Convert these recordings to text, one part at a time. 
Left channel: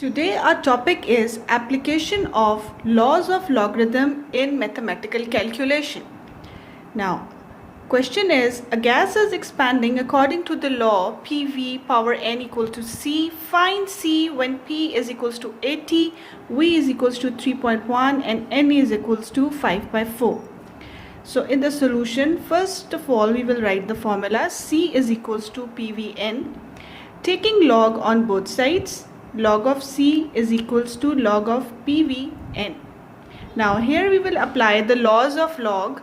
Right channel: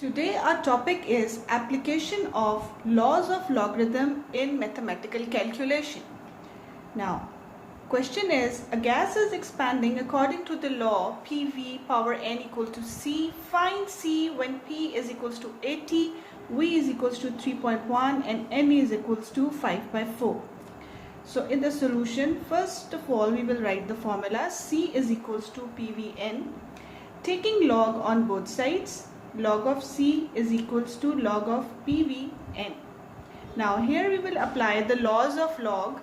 Today our topic is application of laws of logarithm in mathematical calculation. Now, question is, a gas is expanding according to the law PV power n equal to C. Find C when P is equals to 80, V is equals to 3.1 and n is equals to 5 by 4. So in the solution, first of all we will write the formula C is equals to PVN. Taking log on both sides, log of C is equals to log of PVN. Now here we will apply the laws of log.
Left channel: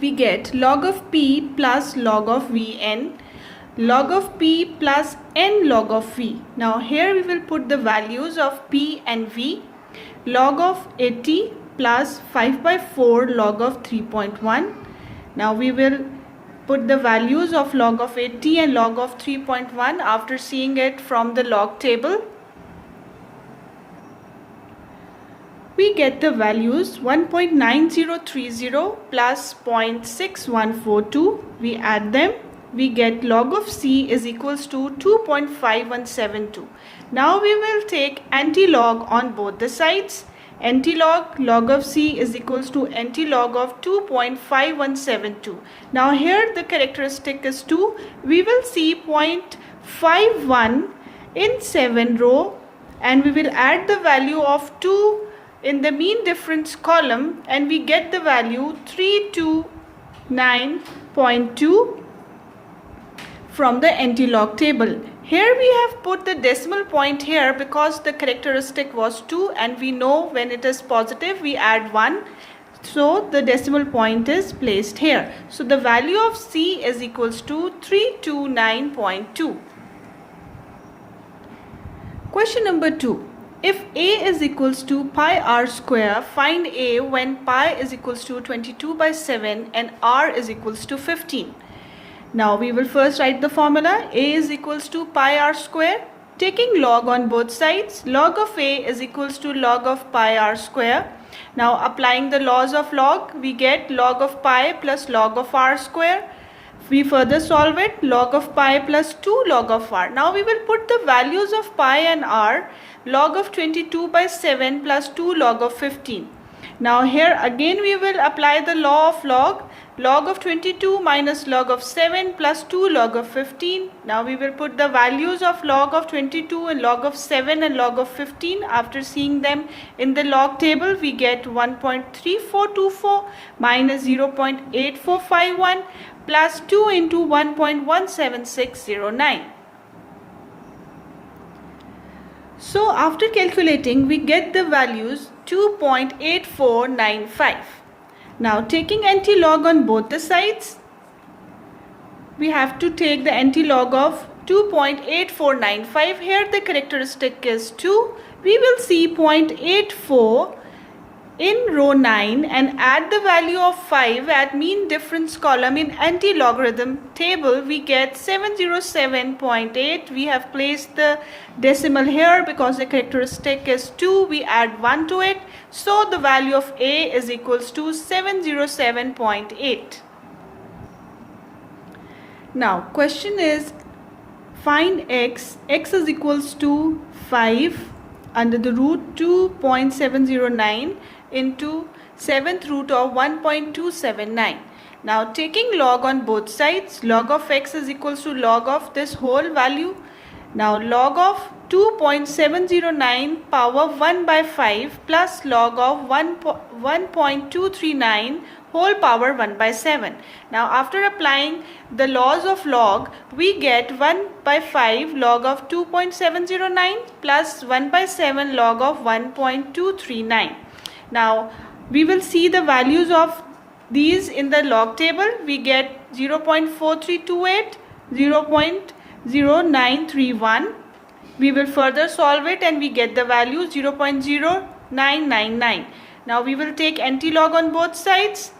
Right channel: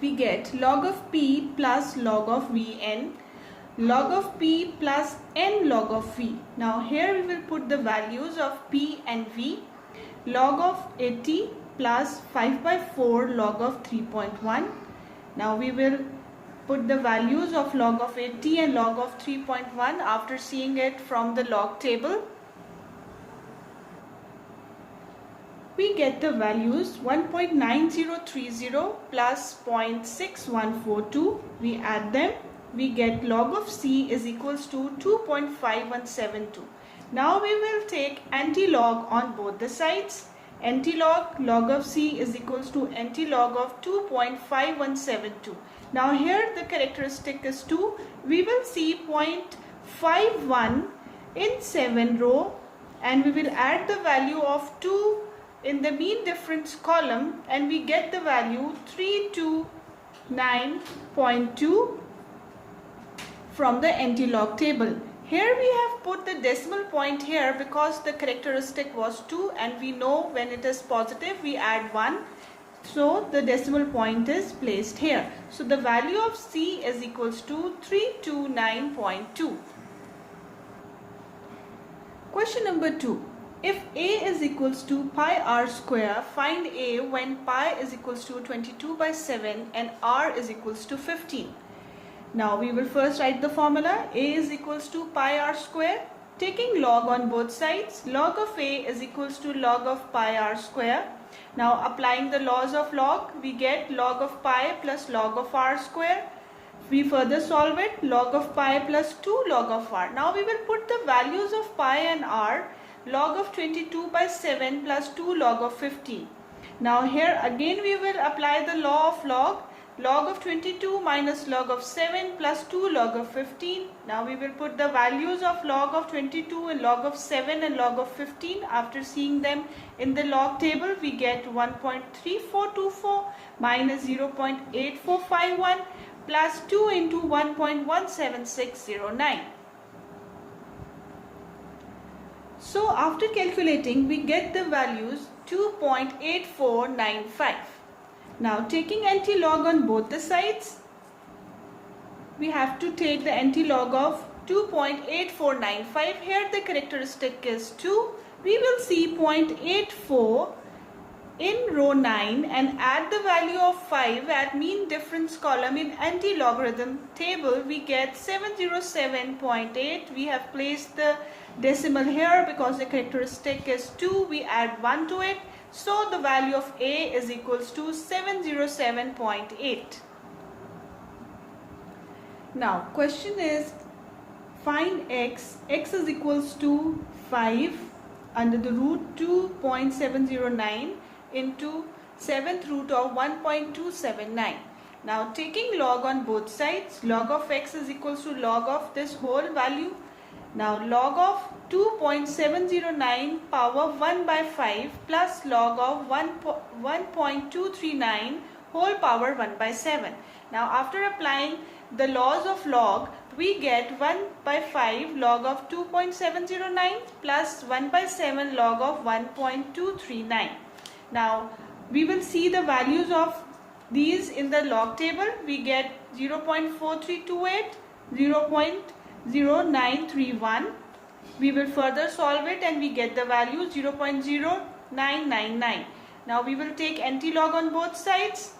We get log of P plus log of Vn, log of P plus n log of V. Now here we will put the values of P and V. Log of 80 plus 5 by 4 log of 3.1. Now we will put the values of log of 80 and log of 3.1 after seeing it from the log table. We get the values 1.9030 plus 0.6142. We add them. We get log of C is equals to 2.5172. Now we will take anti-log on both the sides. Anti-log, log of C is equals to anti-log of 2.5172. Now here the characteristic is 2. We will see 0.51 in 7 row and we will add the value of 2 in the mean difference column and we get the value 329.2 from the anti-log table. Here we have put the decimal point here because the characteristic was 2 and we know when it is positive we add 1. So the decimal point is placed here. So the value of C is equals to 329.2. Question number 2. If A is equals to pi r square, find A when pi is equals to 22 by 7 and r is equals to 15. Now we will first write the formula. A is equals to pi r square. Taking log on both sides, log of A is equals to log of pi r square. Now applying the laws of log, we get log of pi plus log of r square. We further solve it, log of pi plus 2 log of r. Now we will put the values of pi and r, log of 22 by 7 plus 2 log of 15. Now here again we will apply the law of log. Log of 22 minus log of 7 plus 2 log of 15. Now we will put the values of log of 22 and log of 7 and log of 15. After seeing them in the log table, we get 1.3424 minus 0.8451 plus 2 into 1.17609. So after calculating, we get the values 2.8495. Now taking anti-log on both the sides, we have to take the anti-log of 2.8495. Here the characteristic is 2. We will see 0.84 in row 9 and add the value of 5 at mean difference column in anti-logarithm table. We get 707.8. We have placed the decimal here because the characteristic is 2. We add 1 to it. So the value of A is equals to 707.8. Now question is, find x. X is equals to 5 under the root 2.709 into 7th root of 1.279. Now taking log on both sides, log of x is equals to log of this whole value. Now log of 2.709 power 1 by 5 plus log of 1.239 whole power 1 by 7. Now after applying the laws of log, we get 1 by 5 log of 2.709 plus 1 by 7 log of 1.239. Now we will see the values of these in the log table. We get 0.4328, 0.0931. We will further solve it and we get the value 0.0999. Now we will take anti-log on both sides.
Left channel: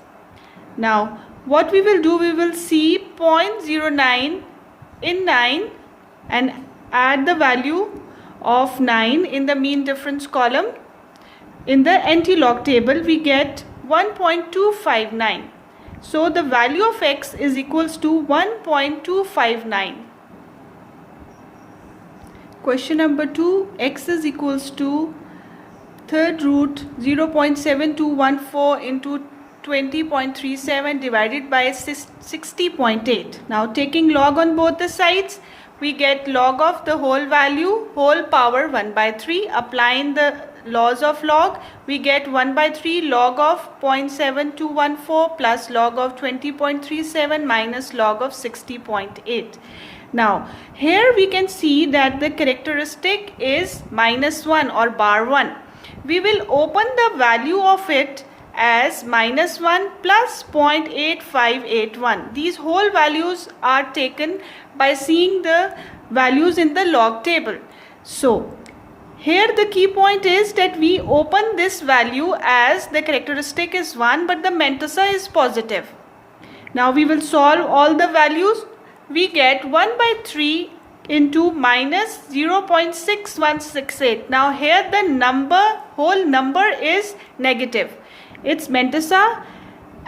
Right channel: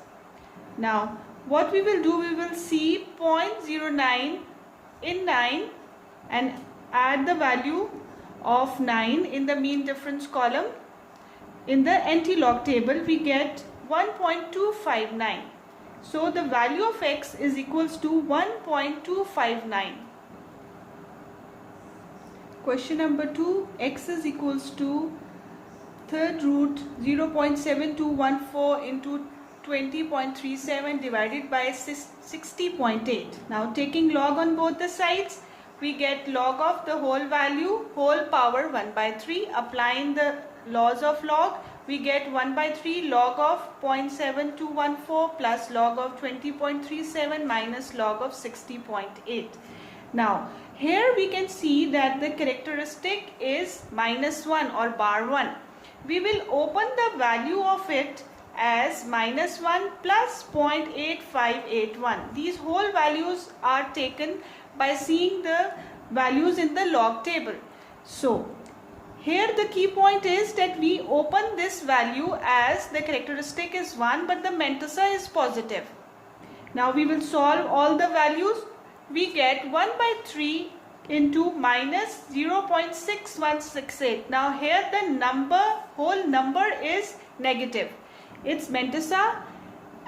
Now what we will do, we will see 0.09 in 9 and add the value of 9 in the mean difference column. In the anti-log table we get 1.259. So the value of x is equals to 1.259. Question number 2, x is equals to third root 0.7214 into 20.37 divided by 60.8. Now taking log on both the sides, we get log of the whole value whole power 1 by 3. Applying the laws of log, we get 1 by 3 log of 0.7214 plus log of 20.37 minus log of 60.8. Now here we can see that the characteristic is -1 or bar 1. We will open the value of it as -1 plus 0.8581. These whole values are taken by seeing the values in the log table. So here the key point is that we open this value as the characteristic is 1 but the mantissa is positive. Now we will solve all the values. We get 1 by 3 into minus 0.6168. Now here the whole number is negative. Its mantissa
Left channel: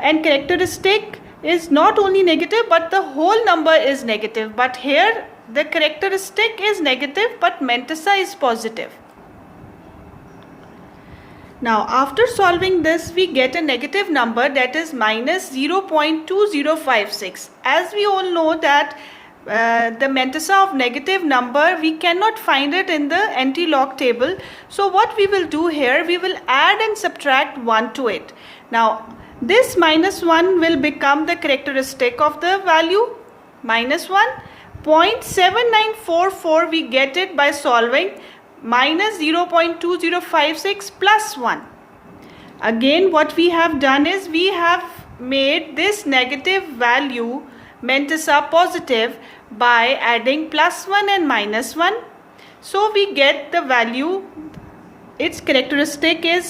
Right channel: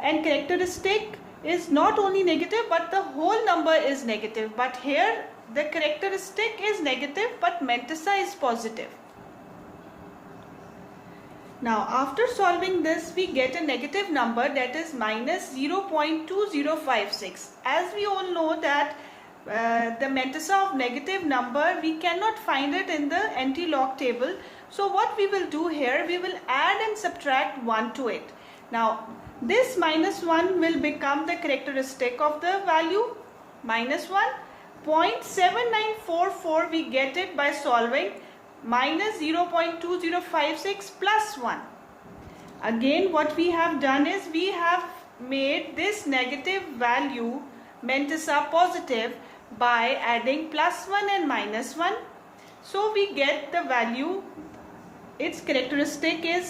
and characteristic is not only negative but the whole number is negative. But here the characteristic is negative but mantissa is positive. Now after solving this, we get a negative number, that is minus 0.2056. As we all know that the mantissa of negative number, we cannot find it in the anti-log table. So what we will do here, we will add and subtract 1 to it. Now this -1 will become the characteristic of the value -1. 0.7944 we get it by solving minus 0.2056 plus 1. Again what we have done is we have made this negative value mantissa positive by adding +1 and -1. So we get the value, its characteristic is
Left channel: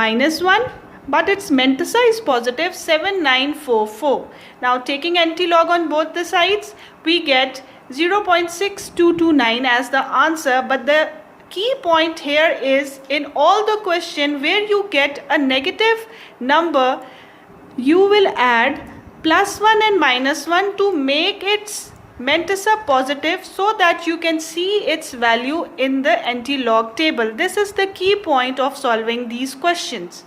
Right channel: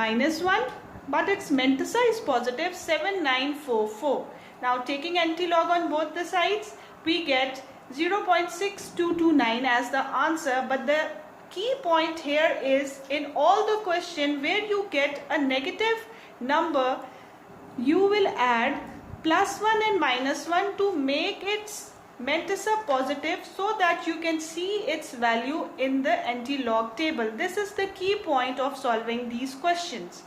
-1 but its mantissa is positive 7944. Now taking anti-log on both the sides, we get 0.6229 as the answer. But the key point here is, in all the question where you get a negative number, you will add +1 and -1 to make its mantissa positive so that you can see its value in the anti-log table. This is the key point of solving these questions.